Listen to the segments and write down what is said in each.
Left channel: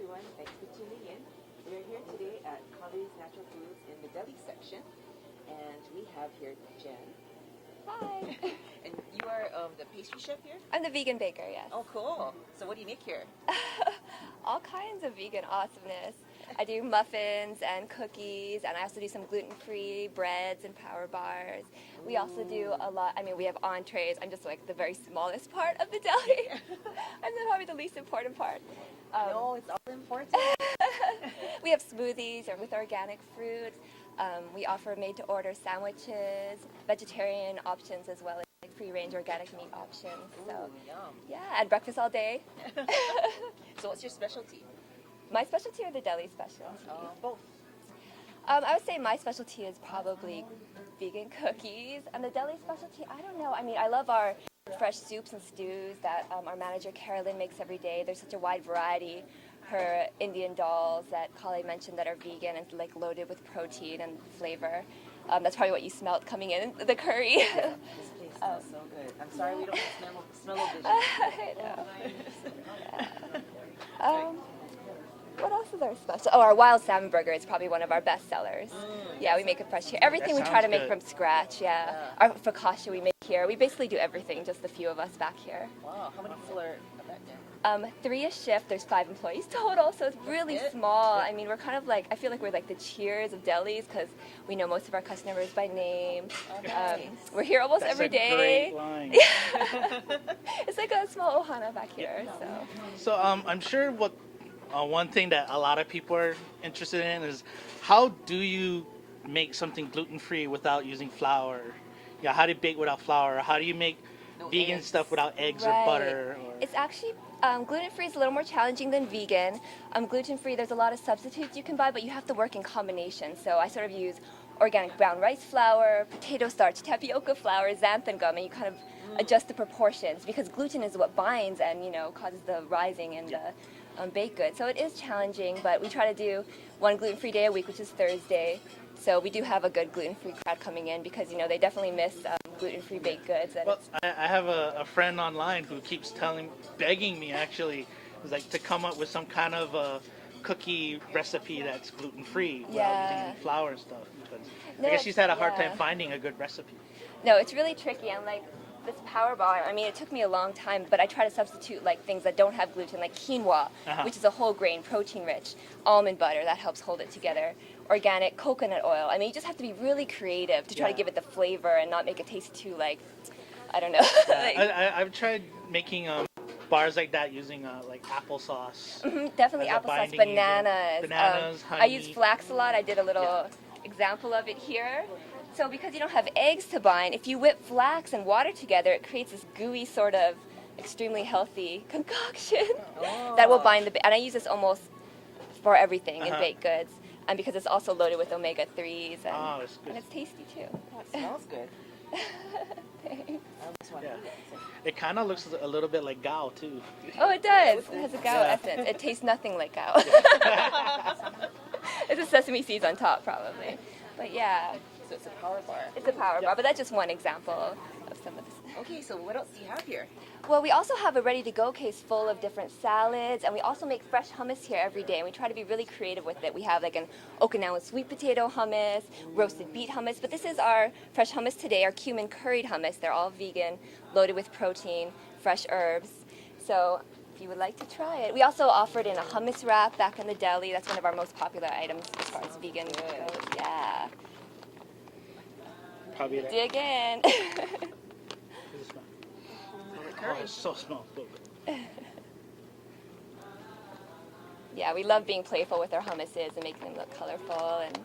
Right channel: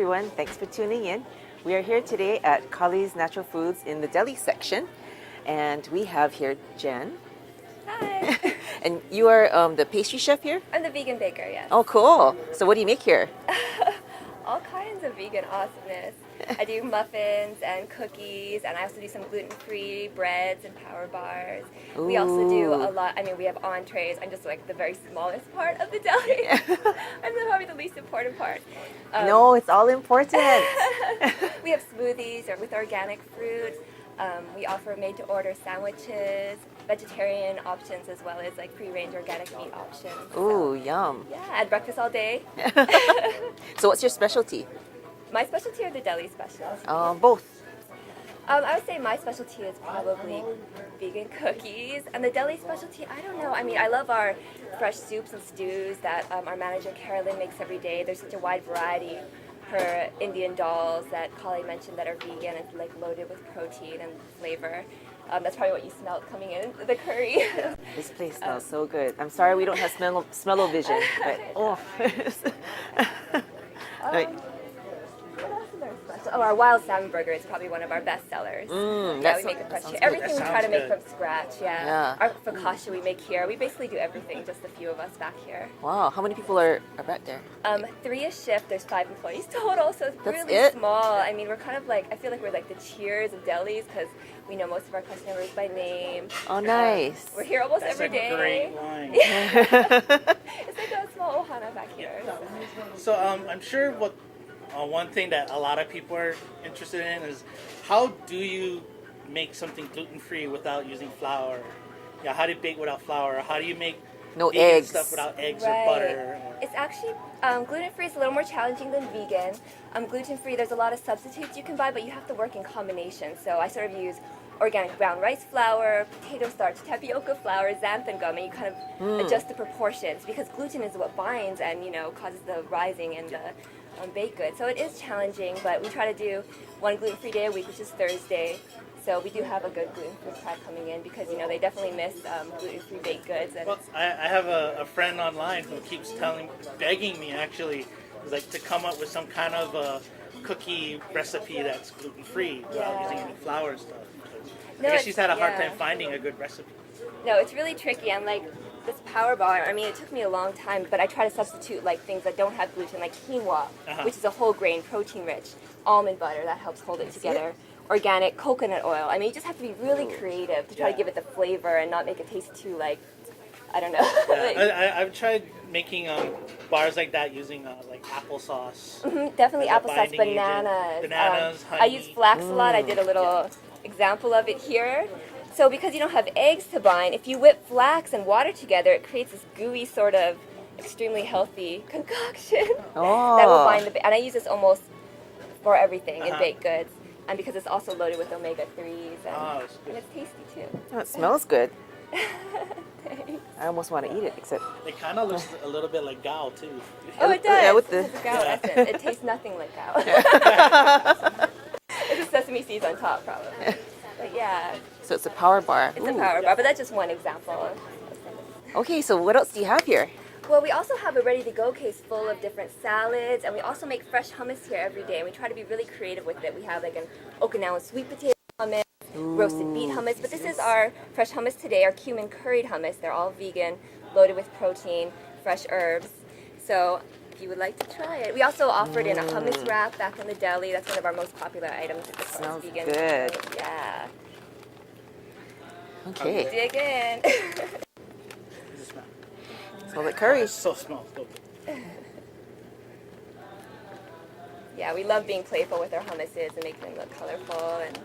everyone. Thanks for tuning in. We are here today at Kale's Natural Foods in the deli section. And we have here Jen. Hi. And you are the pastry chef here? I'm the vegan baker, yes. Oh, cool. So what do you make here? All kinds of vegan awesomeness. I do muffins and cookies, and I also do some gluten-free breads and power bars. Ooh. We also do a lot, we have entrees. I'm just like the very smallest part of the deli. I'm probably the least important part. No, it's all important. We have smoothies with organic fruit. We offer made-to-order sandwiches, vegetarian options, as well as like free-range organic meat options. Ooh, yum. Yeah, I had breakfast all day. So what's your specialty? My specialty or the deli specialty? Both. I would say my specialty is probably vegan cookies, and the deli specialty, I don't know. I love our fresh soups and stews that our manager Carolyn makes every day. There's such a wide variety. Her Indian dolls that Kale mentioned that are vegan and like loaded with protein and flavor. That's probably what you smelled coming in, the curry. This place smells so good. I'm sorry we don't have smell-o-vision. But, Right. What else is our special? Oh, our wild salmon burger is probably one of our best sellers. Yeah, we make it fresh here. Everything we try to make from scratch, yeah. Our focaccia we make here. We basically do everything, just a few of us back here. Wow, how many people are back there? 3 a shift, there's 5 employees total, so it's really small. We're kind of like, I feel like we're like the Cheers of delis, because we know most of our customers by name. Oh, nice. We're here almost every day. Great line. It's like a small ohana back here. So I'm sure one thing that a lot of people are interested in is how do you make something gluten-free without using flour? Yeah, how do you bake without flour? How do you make vegan eggs. stuff without eggs or butter? It's actually, gluten-free is a little more challenging than vegan. Gluten-free, there's a lot of substitutes you can buy, but you have to work in combination. So I sort of use organic brown rice flour, potato starch, tapioca flour, xanthan gum, and you kind of adjust the proportions, because gluten is what binds and, causes the rising in the baked goods. So it is challenging, but we try to do one gluten-free day a week, which is Thursday. So we do have a good gluten-free crowd coming in, because they definitely miss gluten-free baked goods. And Well, I have a friend online who keeps begging me actually, like to come up with some kind of a cookie recipe that's gluten-free without using any flour and stuff. I guess she's had a hard time finding a good recipe. No, it's really tricky, and like this power bar, it took me a long time, but I try to substitute like things that don't have gluten, like quinoa, which is a whole grain, protein rich, almond butter, that helps hold it together, organic coconut oil. You just have to be really creative to try to give it the flavor and not make it taste too like, I don't know. I've tried making bars like that using like applesauce. Definitely applesauce, bananas. Honey. I use flax a lot. I did a little example of it here. So because you don't have eggs to bind, if you whip flax and water together, it creates this gooey sort of extremely healthy concoction that will bind and I use this almost for everything in baked goods, and because it's also loaded with omega-3s, and it's tasty too. Oh, it smells good. I almost want to eat it, except it kind of looks a little bit like gao too. Oh, it does. Yeah, It has a gao essence. It tastes nothing like gao. It's the sesame seeds on top, probably. But yeah. So it's a power bar. It's a power bar, but that's just one example of some of the. Okay, so what else do you have here? Well, we also have a ready-to-go case full of different salads, and we also make fresh hummus here every day, and we try to be really creative with it. We have like an Okinawan sweet potato hummus, roasted beet hummus, but this is our fresh hummus today, our cumin curried hummus. They're all vegan, loaded with protein, fresh herbs. So if you would like to try it. We also offered in a hummus wrap back in the deli. That's one of our most popular items as far as vegan good. goes. Yeah. Okay. Dig in. Smell like curry. So small. Yeah, we love being playful with our hummuses and making them look colorful and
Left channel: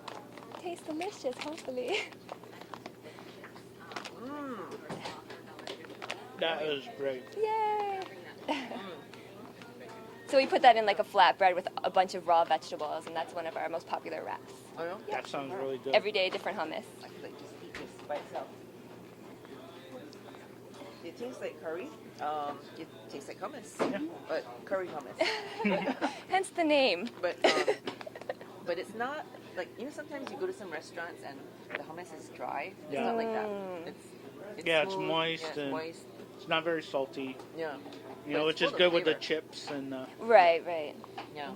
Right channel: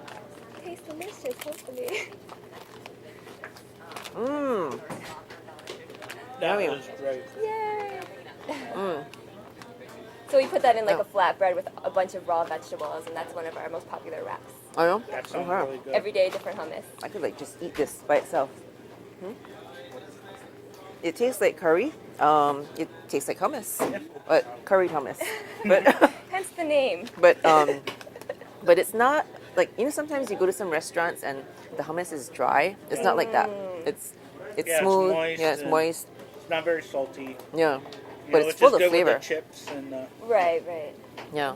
taste delicious, hopefully. That was great. Yay! So we put that in like a flatbread with a bunch of raw vegetables, and that's one of our most popular wraps. Oh, That sounds really good. Every day, different hummus. I could like just eat this by itself. It tastes like curry. It tastes like hummus, but curried hummus. But Hence the name. but it's not like, sometimes you go to some restaurants and the hummus is dry. It's not like that. It's smooth. It's moist. Yeah, it's moist. It's not very salty. Yeah, You but know, it's which full is of good flavor. with the chips and. Right. Yeah,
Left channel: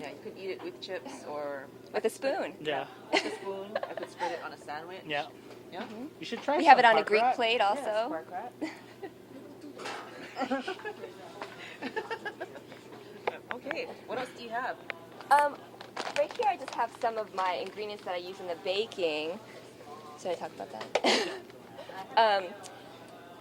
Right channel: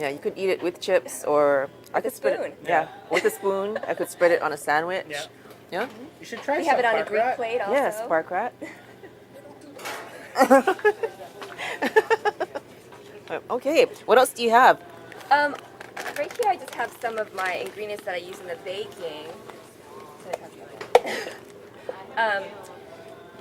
Yeah, you could eat it with chips or I With a could spread spoon. It, yeah, with a spoon. I could spread it on a sandwich. Yeah. Yeah. You should try We some have it on a park Greek rat. plate also. Yes, spark rat. Okay, what else do you have? Right here I just have some of my ingredients that I use in the baking. Should I talk about that?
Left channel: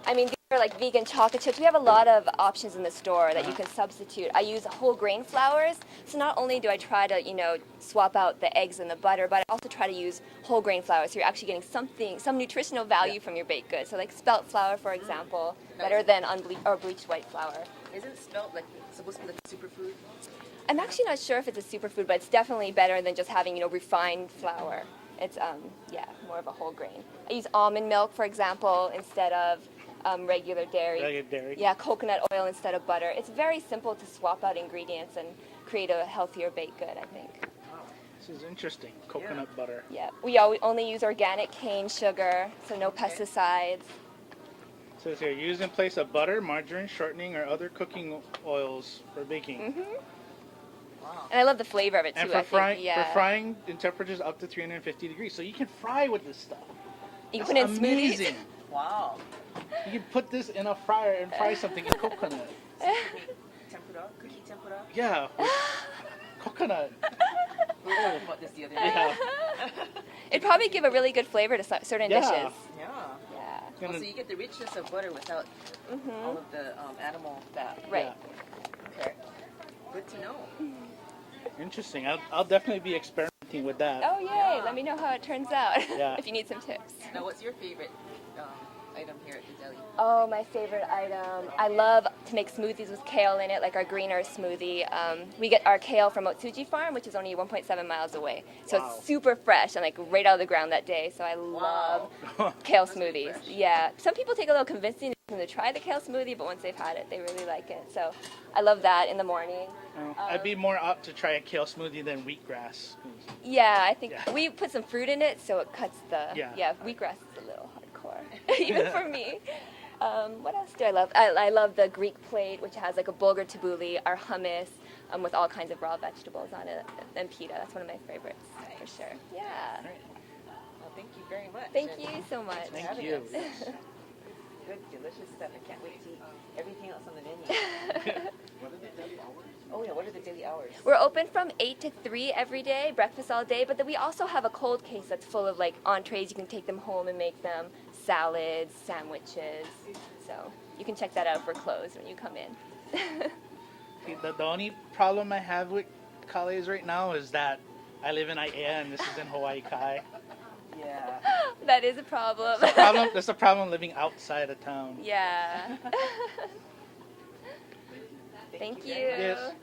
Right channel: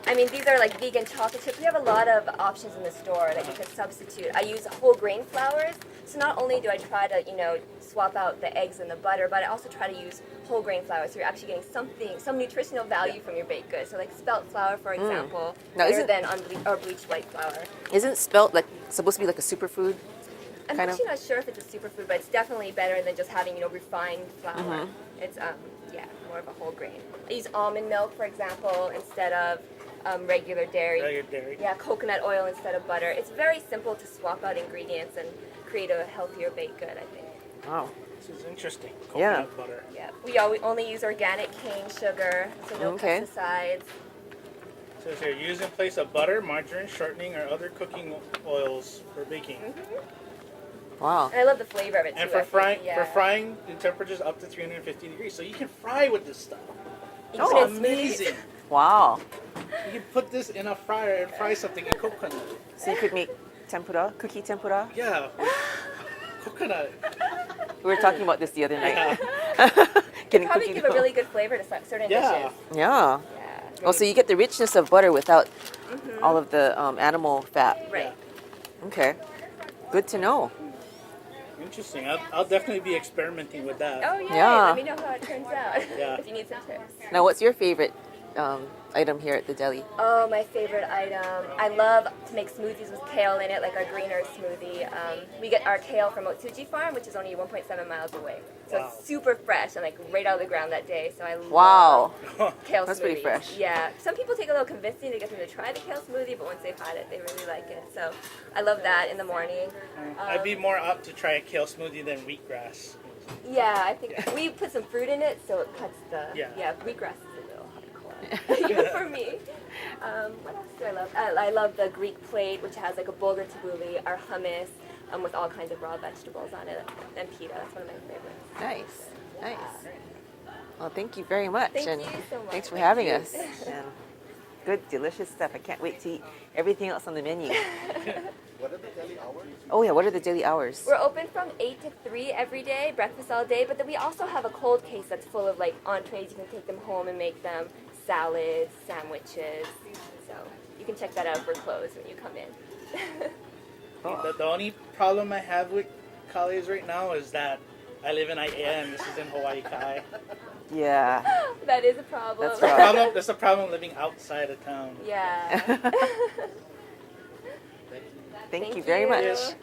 I mean, these are like vegan chocolate chips. We have a lot of options in the store that you can substitute. I use whole grain flours, so not only do I try to, swap out the eggs and the butter, but I also try to use whole grain flour, so you're actually getting some nutritional value from your baked goods. So like spelt flour, for example, Now, better isn't- than or bleached white flour. Isn't spelt like supposed to be like a superfood? I'm kind of? actually not sure if it's a superfood, but it's definitely better than just having, refined flour. It's, more of a whole grain. I use almond milk, for example, instead of regular dairy. Regular dairy. Yeah, coconut oil instead of butter. It's very simple to swap out ingredients and create a healthier baked good, I think. Wow. This is interesting. Coconut butter. Yeah, we only use organic cane sugar, so no Okay. pesticides. So if you're used in place of butter, margarine, shortening, or other cooking oils for baking. Wow. And I love the flavor of it too. And I for frying, think, yeah. for frying in temperatures up to 350 degrees. So you can fry with this stuff. You can put it in smoothies. Amazing. Wow. You can put this in a fryer and fry something in coconut. So you could make tempura, cookie tempura. Yeah, with coconut. We were talking about this the other night. Yeah. It probably give a really good flavor to certain Yeah. dishes. Yeah. Yeah. Well, so you get the richness of butter without all of the animal fat. Right. Okay. Good to know. Interesting. I'll definitely be experimenting with that. Oh yeah. Yeah. Let me know how it turns out. Yeah. If you need some tips. Now, what's your favorite item here at the deli? Oh, my favorite item. I love to make smoothies with kale in it, like our green earth smoothie. We get our kale from Otsuji Farm, which is only 1.7 miles away. So Wow. it's super fresh and like right out of the ground that day. So I love Wow. kale That's smoothies. pretty fresh. Yeah. Some people take a little convincing to get them to try the kale smoothie, but once they've had it, they really like it. So I love that in the morning. I'd be more apt to try a kale smoothie than wheatgrass. Yeah, I think we put some fruit in it, so it cuts the Yeah. wheatgrass is a little hardcore, even for me. What else do I love? I love the Greek plate, which has like a bulgur tabbouleh, our hummus, with all kinds of raw vegetables on it, and pita. That's one of my favorites. Nice. For sure. Yeah. Nice. Well, thank you very much. Thank and you so much. Thanks for having us. And good, delicious stuff. I can't wait to eat everything else on the menu. What are the daily hours? Oh yeah, what are the daily hours? We're open from 8 to 3 every day, breakfast all day, but then we also have a cold case that's full of like entrees. You can take them home and make them, salads, sandwiches. So you can check that out if we're closed when you come in. The only problem I have with Kale's right now is that I live in Aiea and this is in Hawaii Kai. Yeah. That is a problem. That's That's a problem living outside of town. Yeah. Thank you very much. you.